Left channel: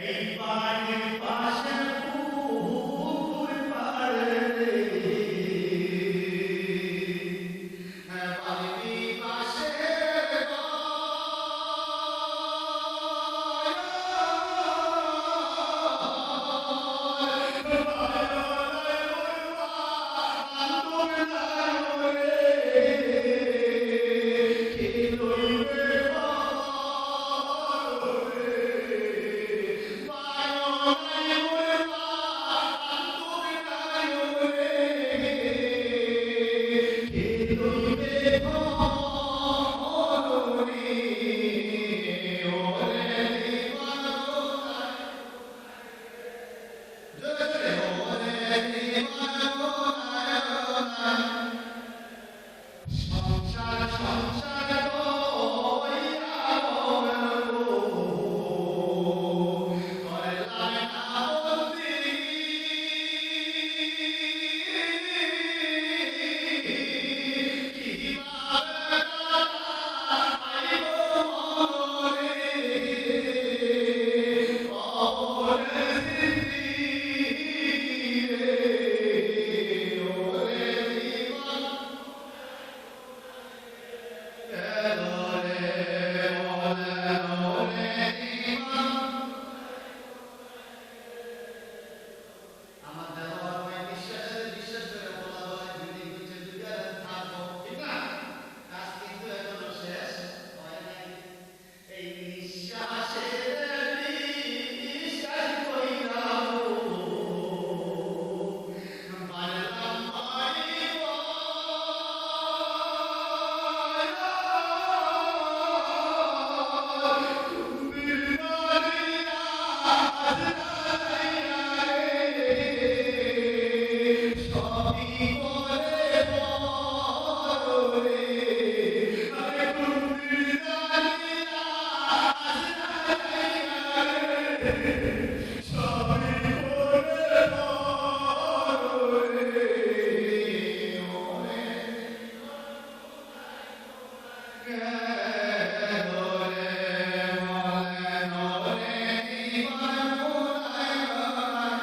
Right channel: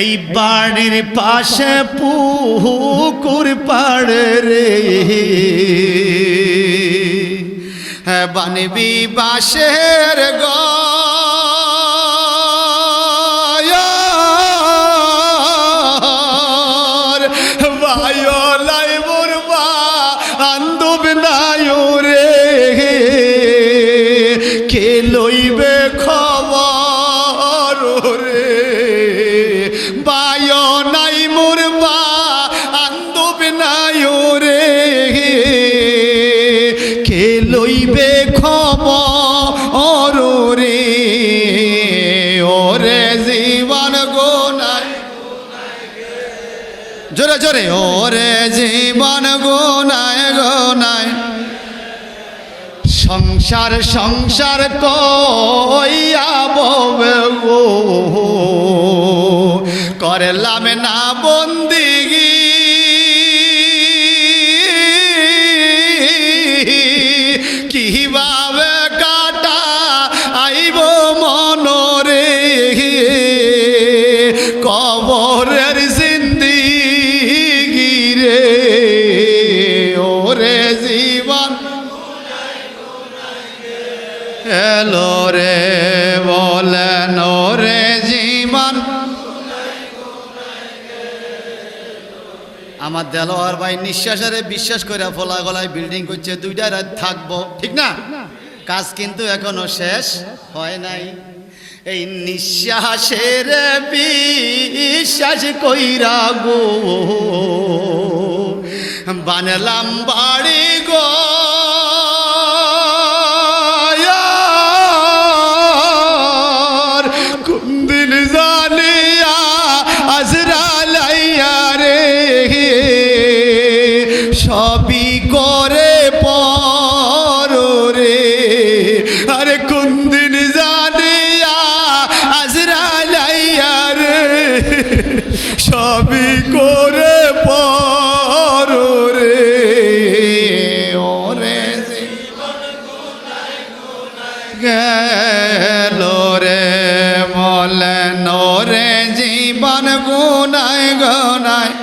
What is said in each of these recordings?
এই বাড়ির পাশে পুকুর পাড়ে রে বানবি বাঁশের ঘর বায়লাই বরবা আন্দব নাই রে কে লইবে খবর রে বায় নাই মরবা আন্দব নাই রে কে লইবে খবর রে ওরে জীবন গোনায় জোরে জোরে ওরে জীবন গোনায় গোনায় সংসার সংসার কইয়া ববে গো করলাম না বন্দিগি কিভাবে কাটা আইব মনরে কবরের জিন্দিগি রে ওরে জীবন এলো রে বলেন ওরে জীবন আমার দেলোয়ার ভাই নিঃশ্বাসে বিশ্বাস করে ফলা গলায় বিল্ডিং করছে 2টা রাত থাকবো ঠিক না কাজ কিন্তু এখনো শেষ হয় নাই এই নিঃশ্বাসের বিশ্বাস কইরা গো বানলাম বাড়ি গো কুন্দিন জানিয়া আজরালাইয়া রে সবই করে পর রে আরে কুন্দিন জানিয়া আজরালাইয়া রে সবই করে পর রে ওরে গেল রে বলেন ওরে জীবন গুনায় গুনায়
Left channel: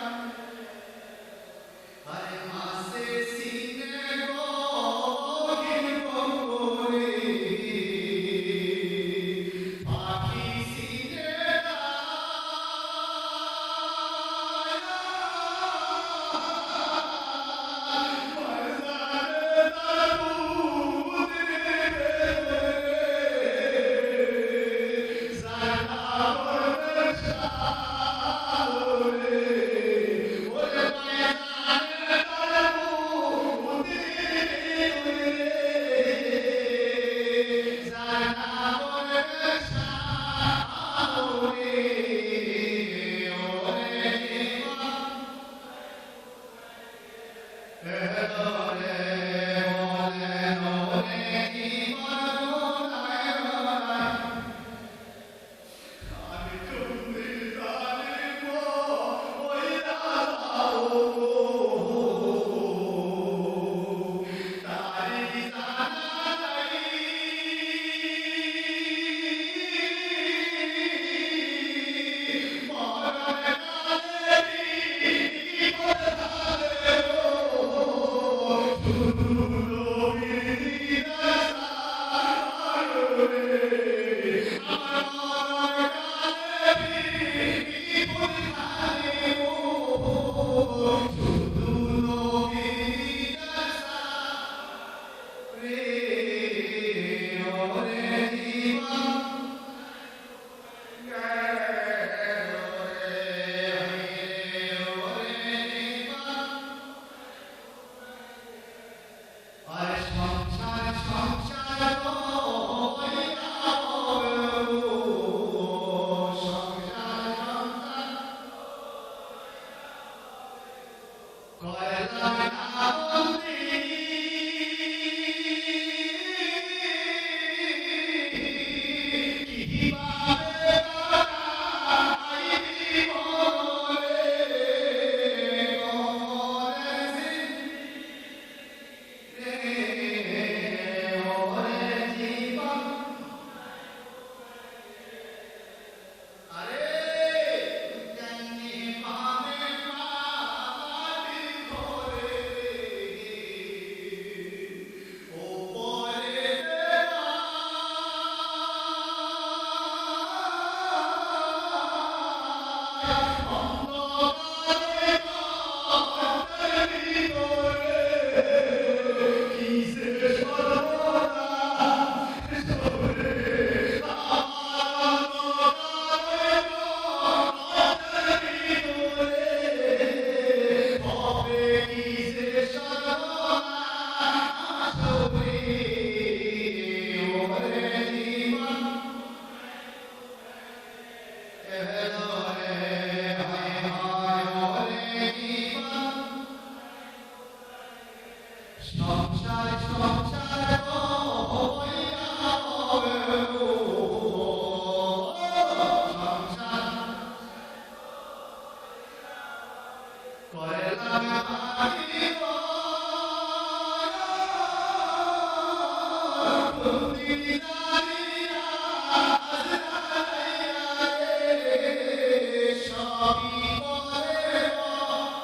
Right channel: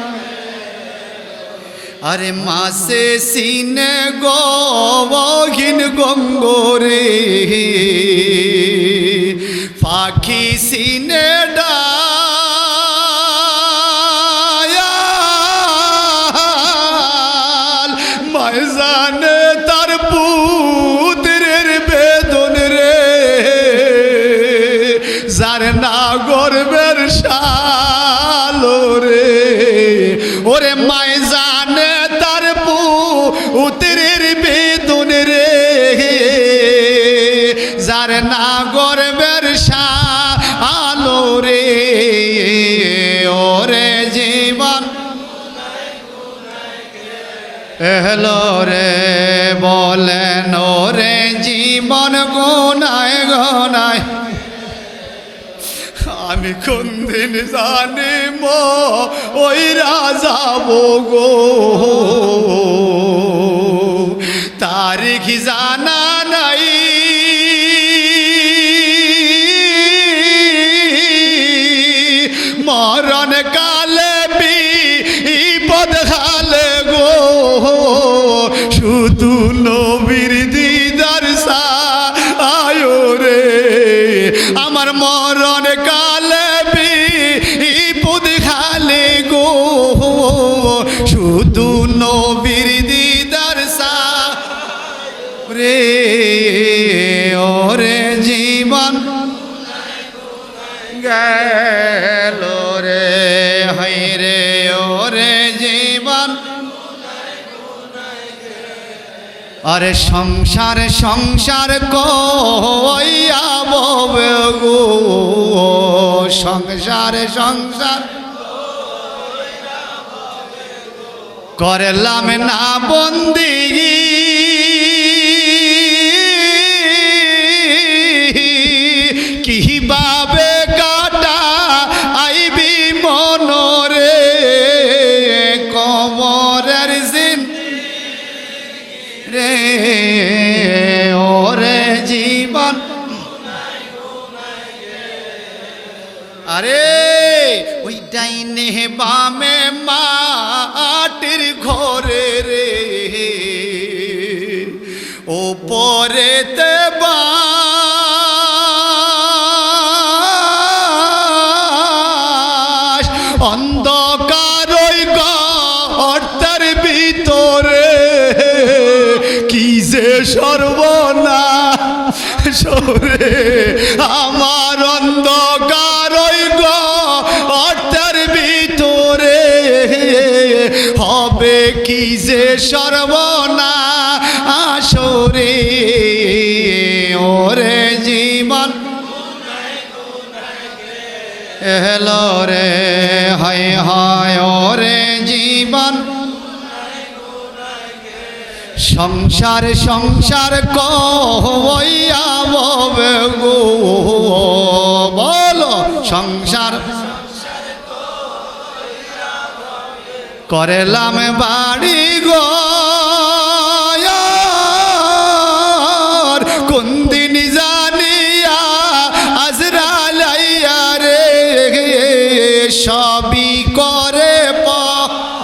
আরে মাসে সিনে গহীন গঙ্গরে পাখি সিনে ডাল মাইজানে তার পুত্রের বেদন রে যার না গর্বের শাল রে ওরে মাইজানে তার পুত্রের বেদন রে যার না গর্বের শাল রে ওরে জীবন এলো রে বলেন ওরে জীবন গুনায় গুনায় আমি কোন দিন জানি ওই রাজা গো তারিখ জানা নাই মরণ কালে বিপদ খালে গো শুধু নবীর দিদার সায় রে আমার মরণ কালে বিপদ খালে গো শুধু নবীর দিদার সায় রে ওরে জীবন গেল রে হাই রে ওরে জীবন আরে সংসার সংসার কইয়া ববে গো সংসার সংসার করলাম না বন্দিগি কিভাবে কাটা আইবি মনরে কবরের রে ওরে জীবন আরে ওই বামে মাটির ঘরে রে ওপরেতে বাস অন্ধকার ওই গর্তের ভিতরে কি যে সর্বনাশ রে আমার অন্ধকার ওই গর্তের ভিতরে হবে কি যে সর্বনাশ রে ওরে জীবন এলো রে হায় হায় ওরে জীবন সংসার সংসার কইয়া ববে গো বলো সংসার করলাম বাড়ি গো কোন দিন জানিয়া আজরালাইয়া রে সবই করে পরে